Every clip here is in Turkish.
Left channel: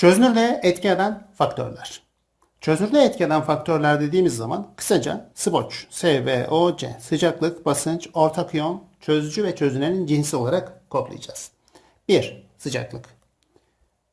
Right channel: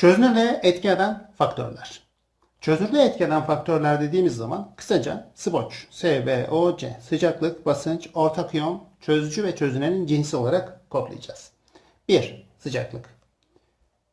Çözünürlüğe etki eden faktörler. Çözünürlüğe etki eden faktörler dediğimiz zaman kısaca SWOC, SVOC, sıcaklık, basınç, ortak iyon, çözücü ve çözünenin cinsi olarak kodlayacağız. 1. Sıcaklık.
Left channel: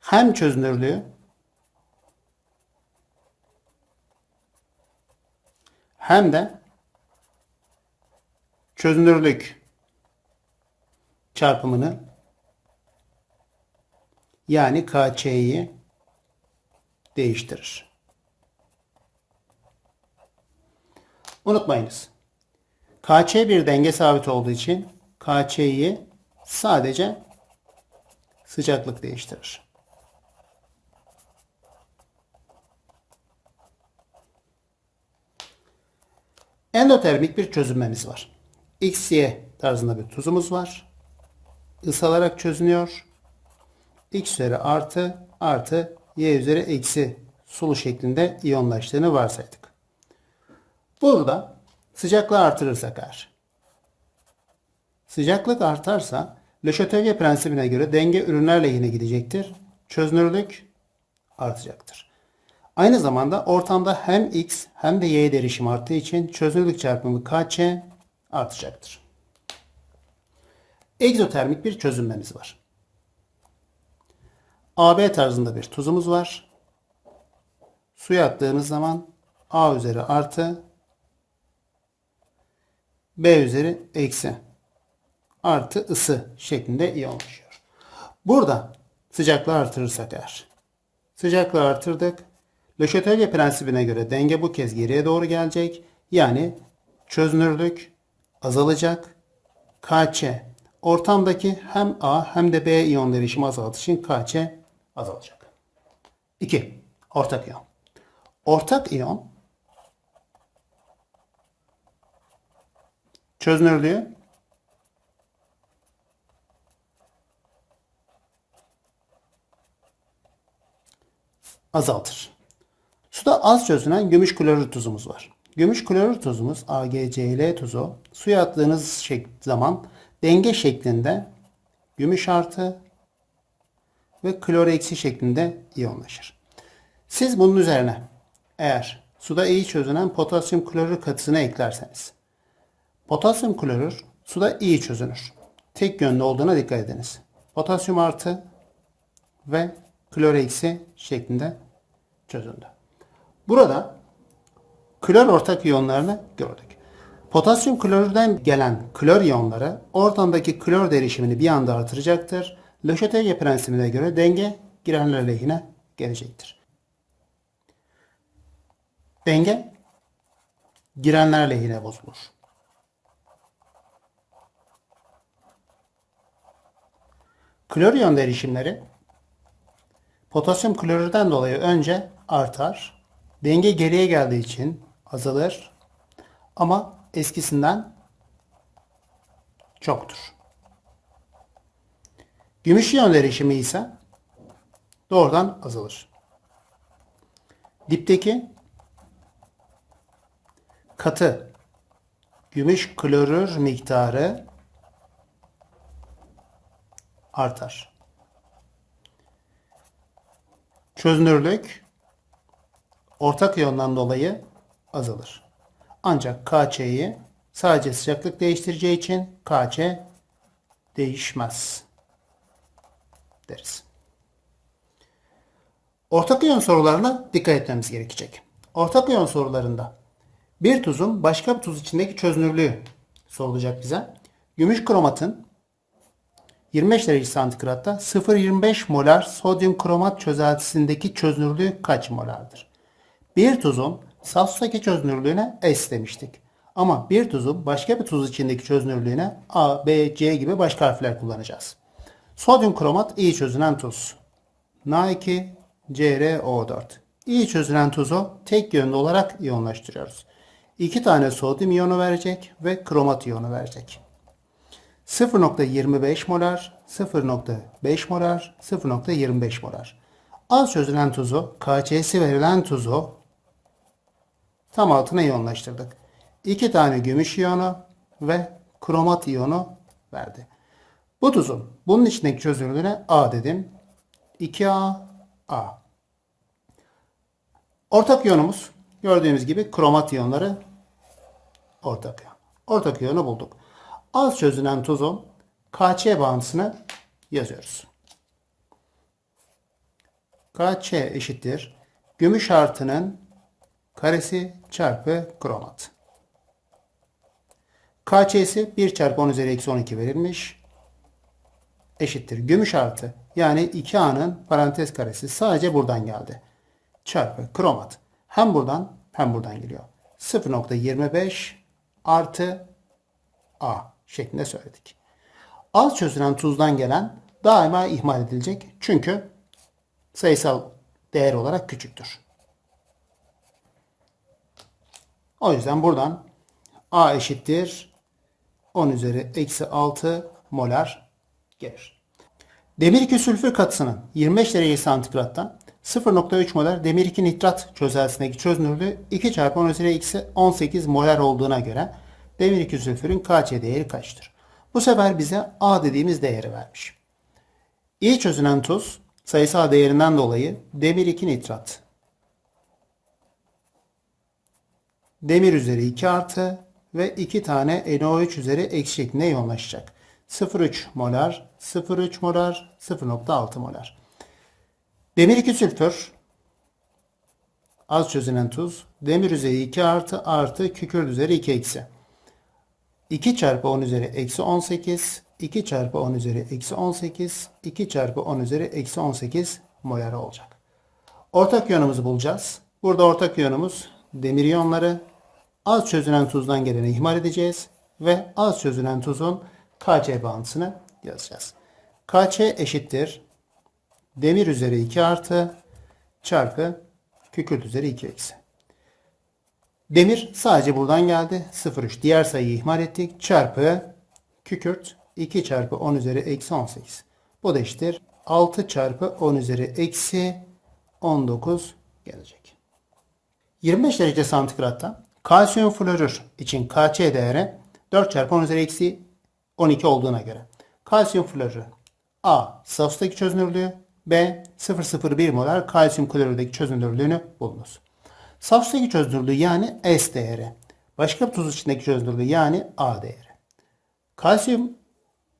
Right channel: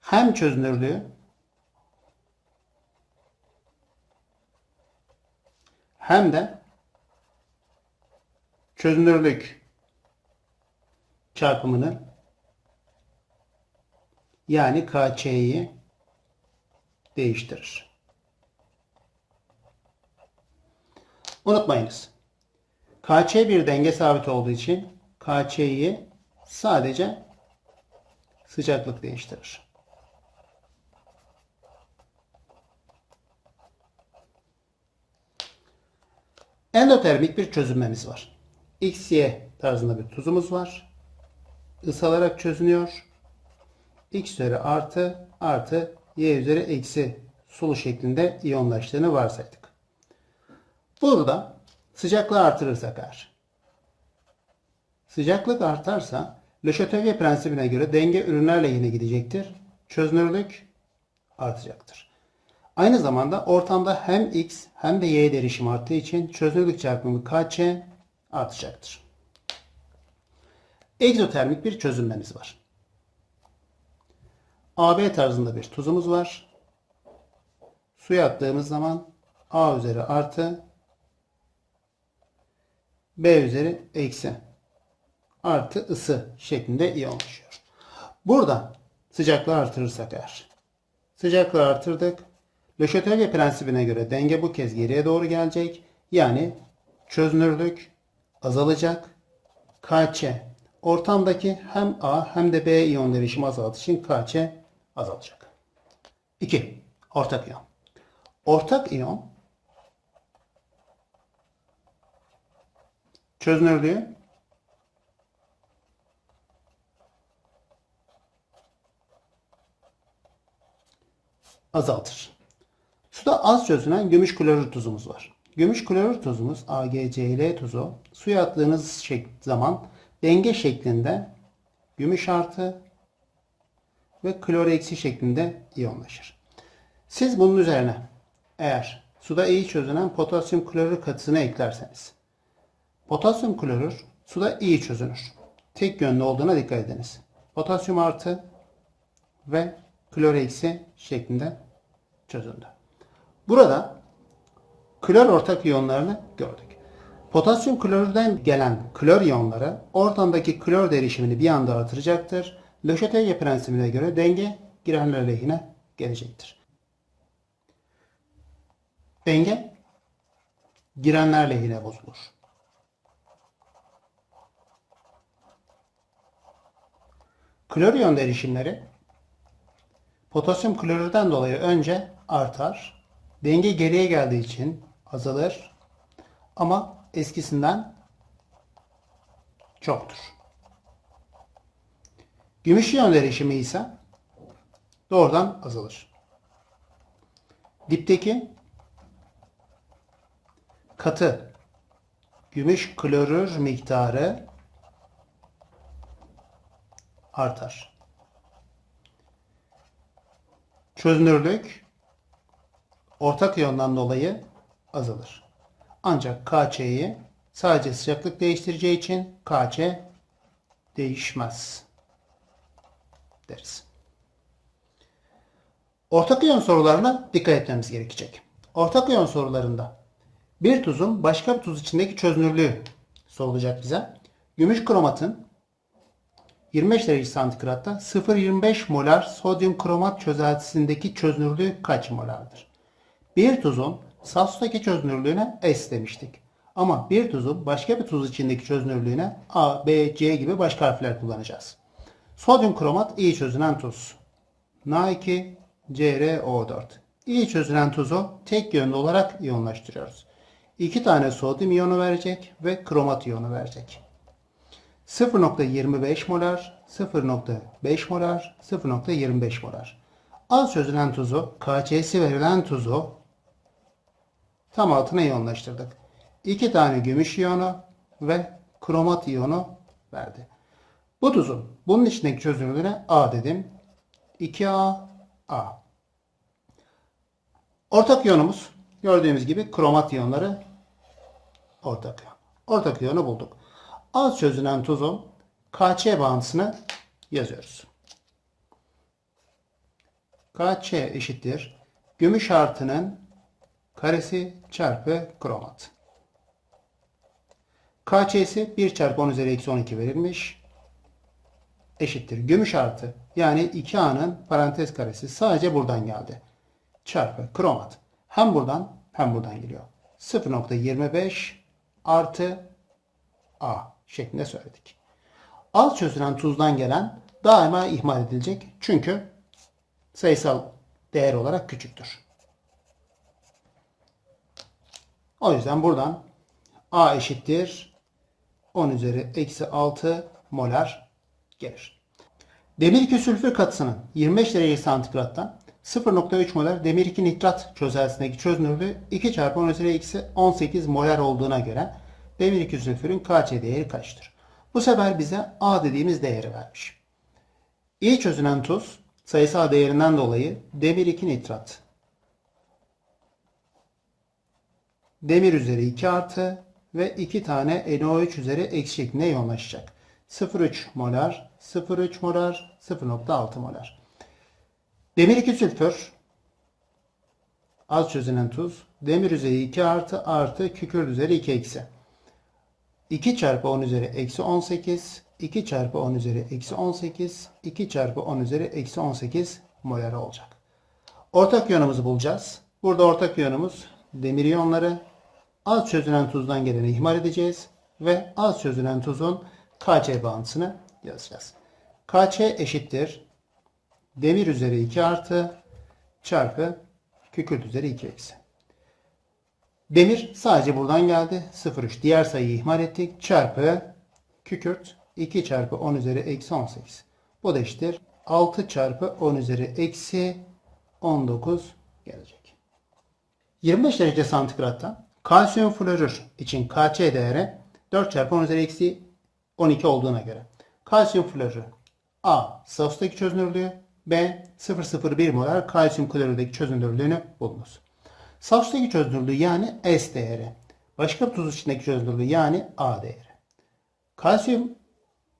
Hem çözünürlüğü hem de çözünürlük çarpımını yani KÇ'yi değiştirir. Unutmayınız. KÇ bir denge sabit olduğu için KÇ'yi sadece sıcaklık değiştirir. Endotermik bir çözünmemiz var. XY tarzında bir tuzumuz var. Isalarak çözünüyor. X üzeri artı artı Y üzeri eksi sulu şeklinde iyonlaştığını varsaydık. Burada sıcaklığı artırırsak eğer. Sıcaklık artarsa Le Chatelier prensibine göre denge ürünler lehine gidecektir. Çözünürlük artacaktır. Aynı zamanda ortamda hem X hem de Y derişim arttığı için çözünürlük çarpımı KÇ artacaktır. Egzotermik bir çözünmemiz var. AB tarzında bir tuzumuz var. Suya attığımız zaman A üzeri artı B üzeri eksi artı ısı şeklinde iyonlaşıyor. Burada sıcaklığı artırırsak eğer. Sıcaklığı artırdık. Le Chatelier prensibine göre denge bu kez geriye doğru gelecek. Yani çözünürlük azalacak. KÇ ortamdaki hem A hem de B iyon derişimi azaldığı için KÇ azalacak. 2. Ortak iyon. Ortak iyon çözünürlüğü azaltır. Suda az çözünen gümüş klorür tuzumuz var. Gümüş klorür tuzumuz AgCl tuzu suya attığınız zaman denge şeklinde gümüş artı ve klor eksi şeklinde iyonlaşır. Siz bunun üzerine eğer suda iyi çözünen potasyum klorür katısını eklerseniz potasyum klorür suda iyi çözünür. Tek yönlü olduğuna dikkat ediniz. Potasyum artı ve klor eksi şeklinde çözüldü. Burada klor ortak iyonlarını gördük. Potasyum klorürden gelen klor iyonları ortamdaki klor derişimini bir anda artıracaktır. Chatelier prensibine göre denge girenler lehine gelecektir. Denge girenler lehine bozulur. Klor iyon derişimleri potasyum klorürden dolayı önce artar. Denge geriye geldiği için azalır. Ama eskisinden çoktur. Gümüş iyon derişimi ise doğrudan azalır. Dipteki katı gümüş klorür miktarı artar. Çözünürlük ortak iyondan dolayı azalır. Ancak KÇ'yi sadece sıcaklık değiştireceği için KÇ değişmez deriz. Ortak iyon sorularına dikkat etmemiz gerekecek. Ortak iyon sorularında bir tuzun başka bir tuz içindeki çözünürlüğü sorulacak bize. Gümüş kromatın 25 derece santigratta 0,25 molar sodyum kromat çözeltisindeki çözünürlüğü kaç molardır? Bir tuzun saf çözünürlüğüne S demiştik. Ama bir tuzun başka bir tuz içindeki çözünürlüğüne A, B, C gibi başka harfler kullanacağız. Sodyum kromat iyi çözünen tuz. Na2, CrO4. İyi çözünen tuzu tek yönlü olarak iyonlaştırıyoruz. İki tane sodyum iyonu verecek ve kromat iyonu verecek. 0.25 molar, 0.5 molar, 0.25 molar. Az çözülen tuzu, KC'si verilen tuzu tam altına iyonlaştırdık. İki tane gümüş iyonu ve kromat iyonu verdi. Bu tuzun bunun içindeki çözünürlüğüne A dedim. 2A A. Ortak iyonumuz gördüğümüz gibi kromat iyonları ortak iyon. Ortak iyonu bulduk. Az çözünen tuzun KC bağıntısını yazıyoruz. KC eşittir. Gümüş artının karesi çarpı kromat. KC'si 1 çarpı 10 üzeri eksi 12 verilmiş. Eşittir. Gümüş artı yani 2A'nın parantez karesi sadece buradan geldi. Çarpı kromat. Hem buradan hem buradan geliyor. 0.25 artı A şeklinde söyledik. Az çözülen tuzdan gelen daima ihmal edilecek. Çünkü sayısal değer olarak küçüktür. O yüzden buradan A eşittir 10 üzeri eksi 6 molar gelir. Demir 2 sülfür katısının 25 derece santigrattan 0.3 molar demir 2 nitrat çözeltisindeki çözünürlüğü 2 çarpı 10 üzeri eksi 18 molar olduğuna göre demir 2 sülfürün KC değeri kaçtır? Bu sefer bize A dediğimiz değeri vermiş. İyi çözünen tuz sayısal değerinden dolayı demir 2 nitrat demir üzeri 2 artı ve 2 tane NO3 üzeri eksi şeklinde yoğunlaşacak. 0,3 molar, 0,3 molar, 0,6 molar. Demir 2 sülfür az çözünen tuz. Demir üzeri 2 artı artı kükürt üzeri 2 eksi. 2 çarpı 10 üzeri eksi 18. 2 çarpı 10 üzeri eksi 18. 2 çarpı 10 üzeri eksi 18 molar olacak. Ortak iyonumuzu bulacağız. Burada ortak iyonumuz demir iyonları. Az çözünen tuzdan geleni ihmal edeceğiz. Ve az çözünen tuzun KC bağıntısını yazacağız. KC eşittir. Demir üzeri 2 artı çarpı kükürt üzeri 2 eksi. Demir sadece buradan geldi. 0,3. Diğer sayıyı ihmal ettik. Çarpı kükürt 2 çarpı 10 üzeri eksi 18. Bu da eşittir. 6 çarpı 10 üzeri eksi 19 gelecek. 25 derece santigrattan kalsiyum florür için KC değeri 4 çarpı 10 üzeri eksi 12 olduğuna göre. Kalsiyum florür A. Safstaki çözünürlüğü B. 0,01 molar kalsiyum klorürdeki çözünürlüğünü bulunuz. Safstaki çözünürlüğü yani S değeri. Başka tuz içindeki çözünürlüğü yani A değeri. Kalsiyum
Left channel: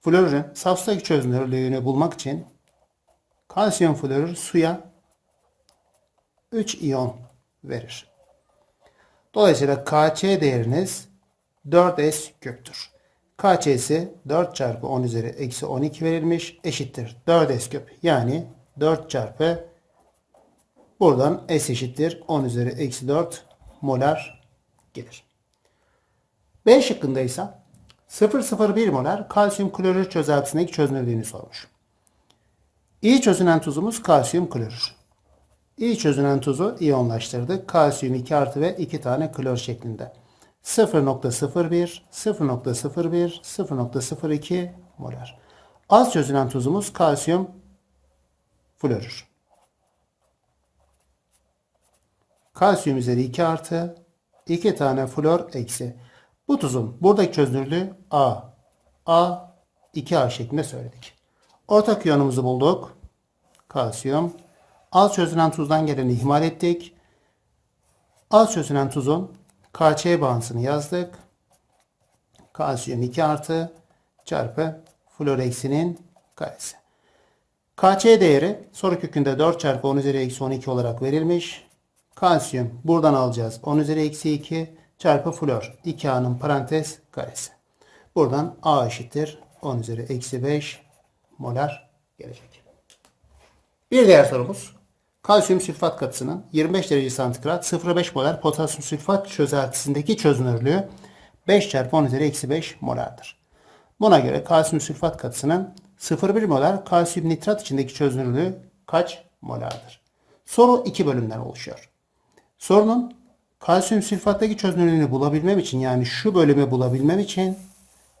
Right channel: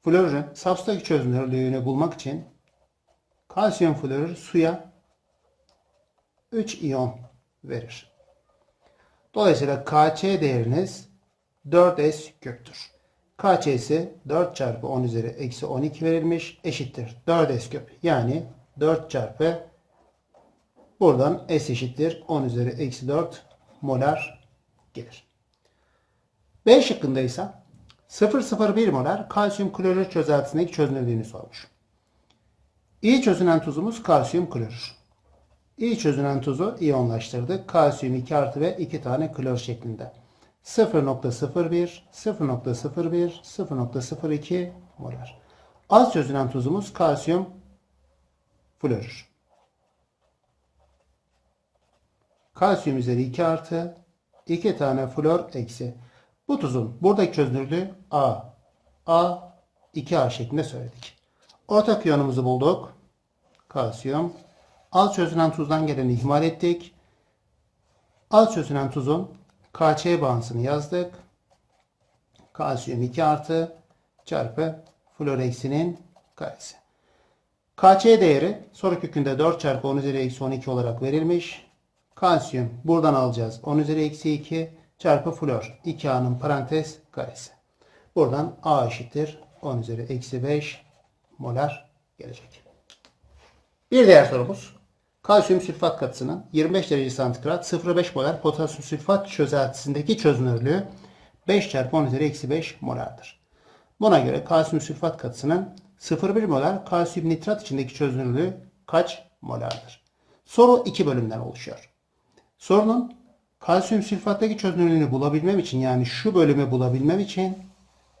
florürün safstaki çözünürlüğünü bulmak için kalsiyum florür suya 3 iyon verir. Dolayısıyla KC değeriniz 4S köktür. KC'si 4 çarpı 10 üzeri eksi 12 verilmiş eşittir. 4S küp yani 4 çarpı buradan S eşittir 10 üzeri eksi 4 molar gelir. B şıkkında ise 0,01 molar kalsiyum klorür çözeltisindeki çözünürlüğünü sormuş. İyi çözünen tuzumuz kalsiyum klorür. İyi çözünen tuzu iyonlaştırdık. Kalsiyum 2 artı ve 2 tane klor şeklinde. 0.01, 0.01, 0.02 molar. Az çözünen tuzumuz kalsiyum florür. Kalsiyum üzeri 2 artı 2 tane flor eksi. Bu tuzun buradaki çözünürlüğü A. A 2A şeklinde söyledik. Ortak iyonumuzu bulduk. Kalsiyum. Az çözünen tuzdan geleni ihmal ettik. Az çözünen tuzun KC bağıntısını yazdık. Kalsiyum 2 artı çarpı flor eksinin karesi. KC değeri soru kökünde 4 çarpı 10 üzeri eksi 12 olarak verilmiş. Kalsiyum buradan alacağız. 10 üzeri eksi 2 çarpı flor. 2A'nın parantez karesi. Buradan A eşittir. 10 üzeri eksi 5 molar gelecek. Bir diğer sorumuz. Kalsiyum sülfat katısının 25 derece santigrat 0,5 molar potasyum sülfat çözeltisindeki çözünürlüğü 5 çarpı 10 üzeri eksi 5 molardır. Buna göre kalsiyum sülfat katısının 0,1 molar kalsiyum nitrat içindeki çözünürlüğü kaç molardır? Soru iki bölümden oluşuyor. Sorunun kalsiyum sülfattaki çözünürlüğünü bulabilmem için yani şu bölümü bulabilmem için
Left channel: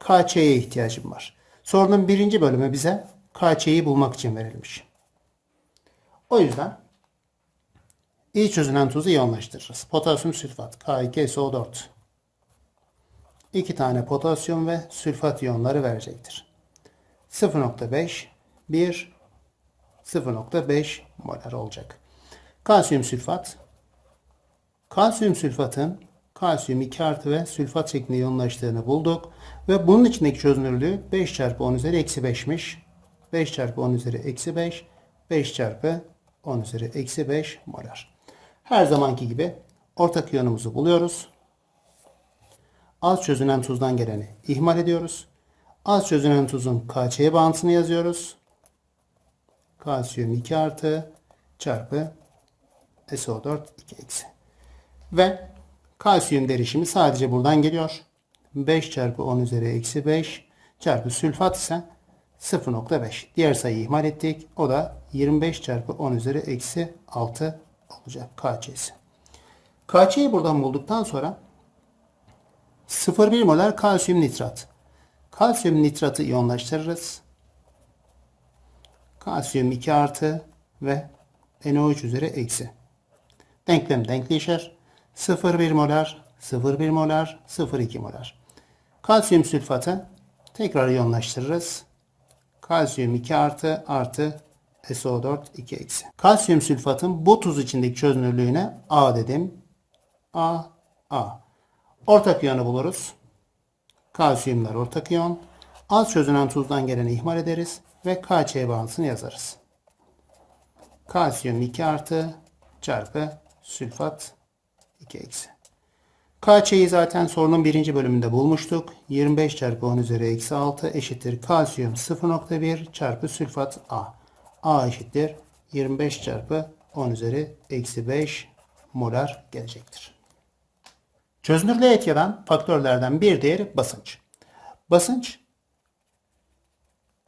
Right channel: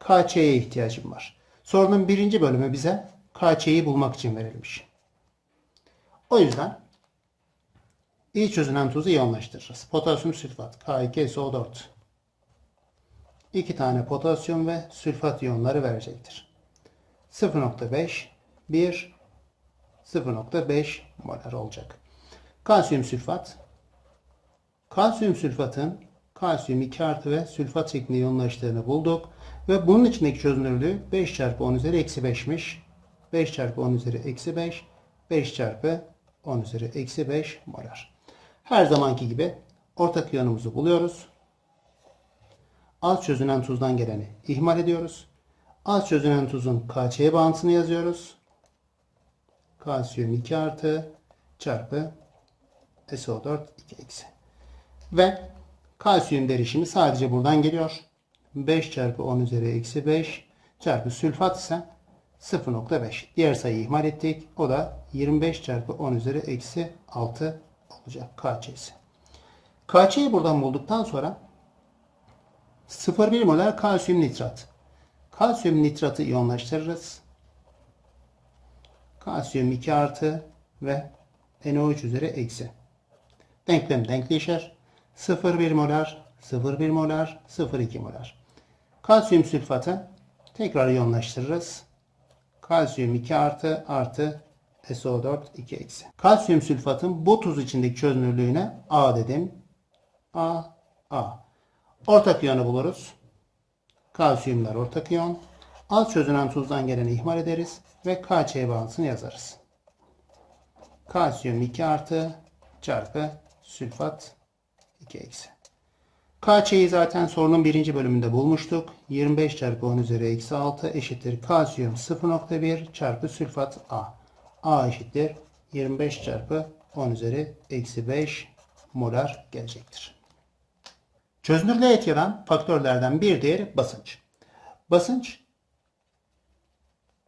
KC'ye ihtiyacım var. Sorunun birinci bölümü bize KC'yi bulmak için verilmiş. O yüzden iyi çözünen tuzu iyonlaştırırız. Potasyum sülfat K2SO4. İki tane potasyum ve sülfat iyonları verecektir. 0.5 1 0.5 molar olacak. Kalsiyum sülfat. Kalsiyum sülfatın kalsiyum 2 artı ve sülfat şeklinde yoğunlaştığını bulduk. Ve bunun içindeki çözünürlüğü 5 çarpı 10 üzeri eksi 5'miş. 5 çarpı 10 üzeri eksi 5. 5 çarpı 10 üzeri eksi 5 molar. Her zamanki gibi ortak iyonumuzu buluyoruz. Az çözünen tuzdan geleni ihmal ediyoruz. Az çözünen tuzun KC bağıntısını yazıyoruz. Kalsiyum 2 artı çarpı SO4 2 eksi. Ve kalsiyum derişimi sadece buradan geliyor. 5 çarpı 10 üzeri eksi 5 çarpı sülfat ise 0.5. Diğer sayıyı ihmal ettik. O da 25 çarpı 10 üzeri eksi 6 olacak KC'si. KC'yi buradan bulduktan sonra 0,1 molar kalsiyum nitrat. Kalsiyum nitratı iyonlaştırırız. Kalsiyum 2 artı ve NO3 üzeri eksi. Denklem denkleşir. 0,1 molar, 0,1 molar, 0,2 molar. Kalsiyum sülfatı tekrar iyonlaştırırız. Kalsiyum 2 artı artı SO4 2 eksi. Kalsiyum sülfatın bu tuz içindeki çözünürlüğüne A dedim. A, A. Ortak iyonu buluruz. Kalsiyumlar ortak iyon. Az çözünen tuzdan geleni ihmal ederiz ve KC bağıntısını yazarız. Kalsiyum 2 artı çarpı sülfat 2 eksi. KC'yi zaten sorunun birinci bölümünde bulmuştuk. 25 çarpı 10 üzeri eksi 6 eşittir kalsiyum 0.1 çarpı sülfat A. A eşittir 25 çarpı 10 üzeri eksi 5 molar gelecektir. Çözünürlüğe etki faktörlerden bir diğeri basınç. Basınç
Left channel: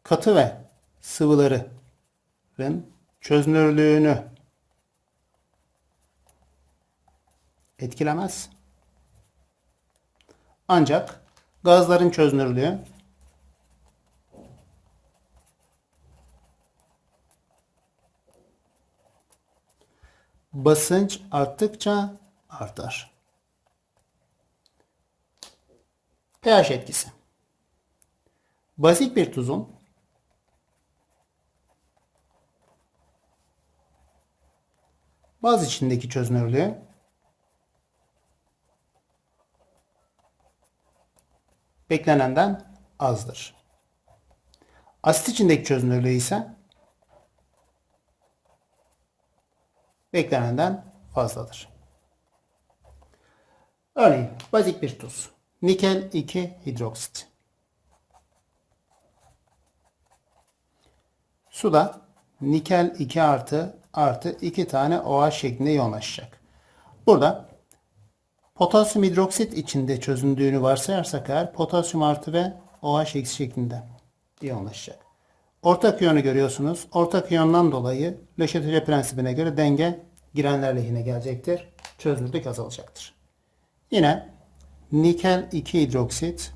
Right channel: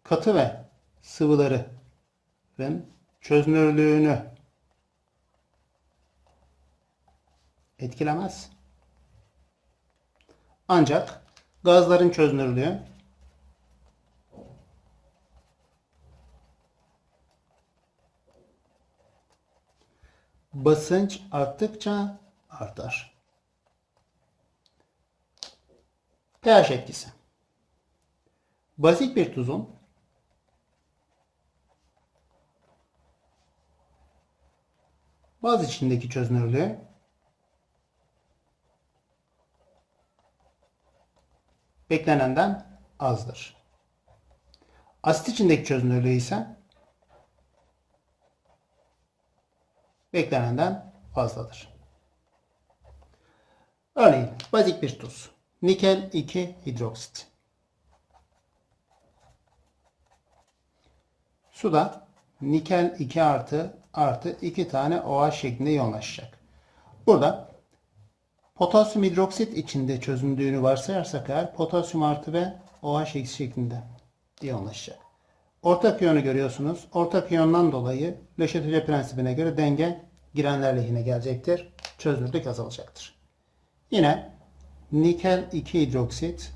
katı ve sıvıların çözünürlüğünü etkilemez. Ancak gazların çözünürlüğü basınç arttıkça artar. pH etkisi. Basit bir tuzun baz içindeki çözünürlüğü beklenenden azdır. Asit içindeki çözünürlüğü ise beklenenden fazladır. Örneğin bazik bir tuz. Nikel 2 hidroksit. Suda nikel 2 artı artı 2 tane OH şeklinde yoğunlaşacak. Burada potasyum hidroksit içinde çözündüğünü varsayarsak eğer potasyum artı ve OH eksi şeklinde yoğunlaşacak. Ortak iyonu görüyorsunuz. Ortak iyondan dolayı Chatelier prensibine göre denge girenler lehine gelecektir. Çözünürlük azalacaktır. Yine nikel 2 hidroksit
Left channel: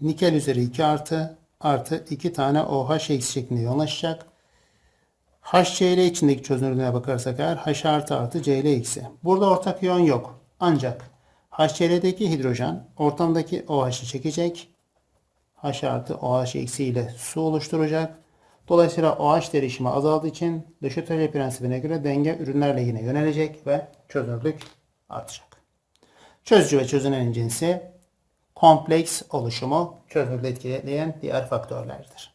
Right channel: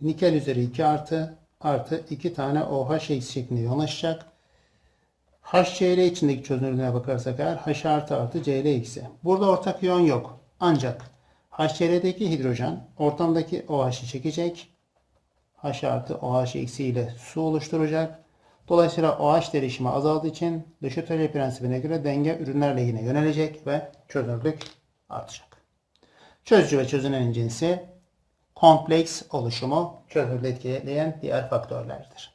nikel üzeri 2 artı artı 2 tane OH eksi şeklinde yoğunlaşacak. HCl içindeki çözünürlüğüne bakarsak eğer H artı artı Cl eksi. Burada ortak iyon yok. Ancak HCl'deki hidrojen ortamdaki OH'ı çekecek. H artı OH eksi ile su oluşturacak. Dolayısıyla OH derişimi azaldığı için Chatelier prensibine göre denge ürünler lehine yönelecek ve çözünürlük artacak. Çözücü ve çözünen cinsi kompleks oluşumu çözünürlüğü etkileyen diğer faktörlerdir.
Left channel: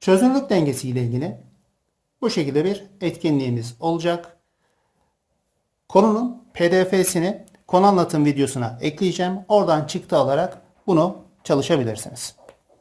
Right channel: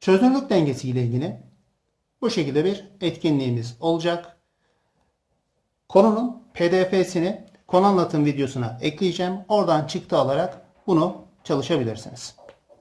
Çözünürlük dengesi ile ilgili bu şekilde bir etkinliğimiz olacak. Konunun pdf'sini konu anlatım videosuna ekleyeceğim. Oradan çıktı alarak bunu çalışabilirsiniz.